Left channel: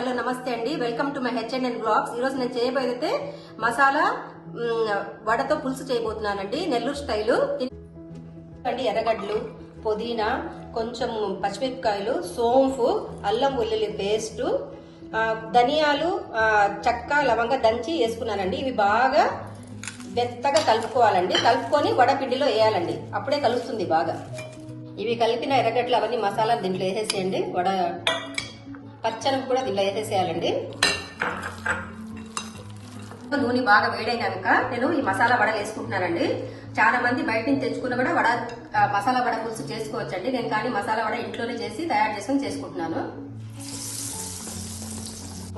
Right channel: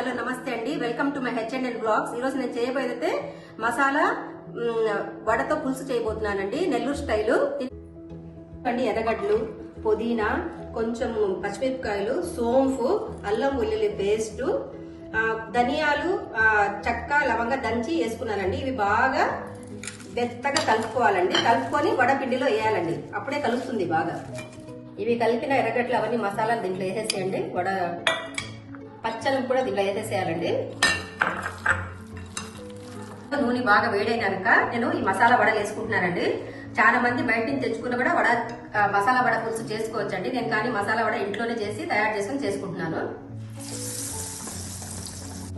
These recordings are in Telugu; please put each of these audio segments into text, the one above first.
హలో నమస్తే అండి, welcome to my H&N blogs. ఈ రోజు నేను చేయబోయేదైతే మసాలా వడతో పులుసు చేయబోతున్నానండి, నెల్లూరు స్టైలు. ఎర్రగడ్డలు, పుదీనా, కొంచెం పచ్చిమిరపకాయలు, సోంపు, అల్లం వెల్లుల్లి పేస్ట్, ధనియాలు, చెక్క, లవంగ దంచి వేసుకున్నానండి. ఇవి బాగా మెత్తగా కలుపుకోవాలండి. కలుపుకొని వడపిండిలో వేయాలండి, అప్పుడే కలుస్తుంది బాగా. ఇవి కలిపిన ఎర్రగడ్డలు అవన్నీ మసాలా దీంట్లో వేసేసేయండి. వడ పచ్చనం కూడా దీంట్లో వేసేసేయాలండి. నూనె బాగా వేడైనాక నేను ఈ మసాలా వడలు వేసుకుంటున్నానండి. చాలా మంది బయట నుంచి తెచ్చుకున్న కూడా వడ మసాలా వడ పులుసు చేసుకోవచ్చండి. నేను కానీ మసాలా వడ ఇంట్లోనే చేసి తయారు చేసుకుని చేసుకుంటున్నాను.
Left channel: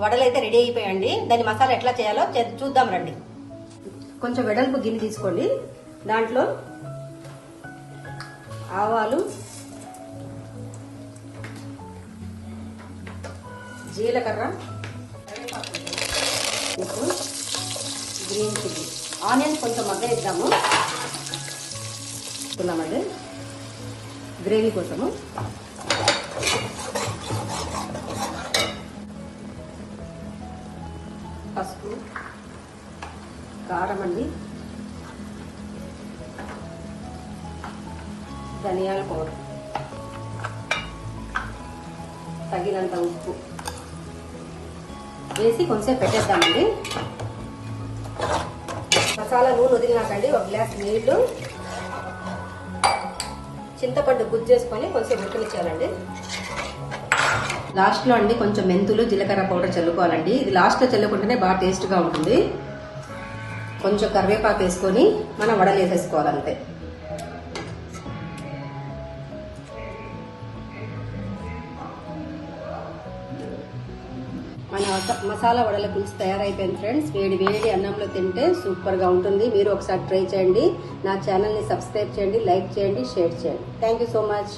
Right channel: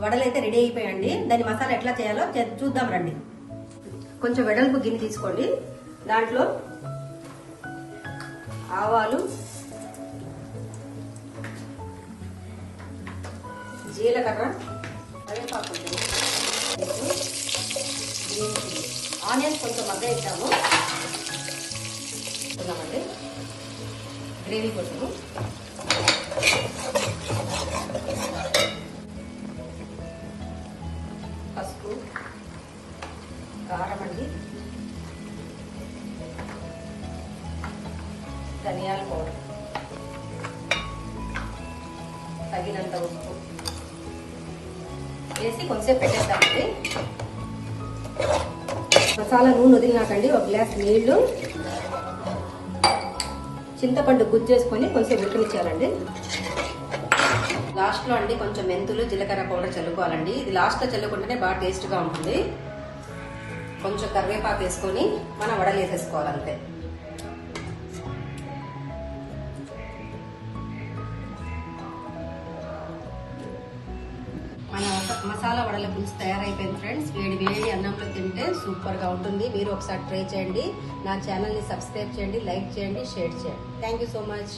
వడలు అయితే రెడీ అయిపోయాయండి. దాని మసాలా ఎట్లా చేయాలో చూద్దాం రండి. కొంచెం వెడల్పు గిన్నె తీసుకోండి. దాంట్లో ఆవాలు, జీలకర్ర, కరివేపాకు, గ్రీన్ చిల్లీ, ఆనియన్స్ కొంచెం మగ్గనిద్దాము. గ్రేవీ కోసము పసుపు, కారం అండి, ధనియాల పౌడర్, తగినంత ఉప్పు వేసి కొంచెం పెట్టేద్దామండి. మసాలా నూనె వదిలినాకండి ఒక గ్లాస్ నీళ్లు, చింతపండు గుజ్జు చేసుకొని కొంచెం ఉడకనిచ్చాలండి. లాస్ట్ లో అండి కొంచెం మెంతులు, జీలకర్ర పౌడర్ చల్లుకోవాలండి. ఇది లాస్ట్ లో చల్లుకుంటేనే బాగా టేస్ట్ గా ఉంటుంది. కొంచెం కరివేపాకు వేసుకొని మనం వడలు వేసేసుకోవాలంటే. మన మసాలా వడల పులుసు తయారైపోయింది ఫ్రెండ్స్. వేడి వేడి అన్నంలో తింటే సూపర్ గా ఉంటుంది. మీరు ఒకసారి ట్రై చేయండి. నా ఛానల్ ని సబ్స్క్రైబ్ చేయండి, లైక్ చేయండి, షేర్ చేయండి. Thank you so much.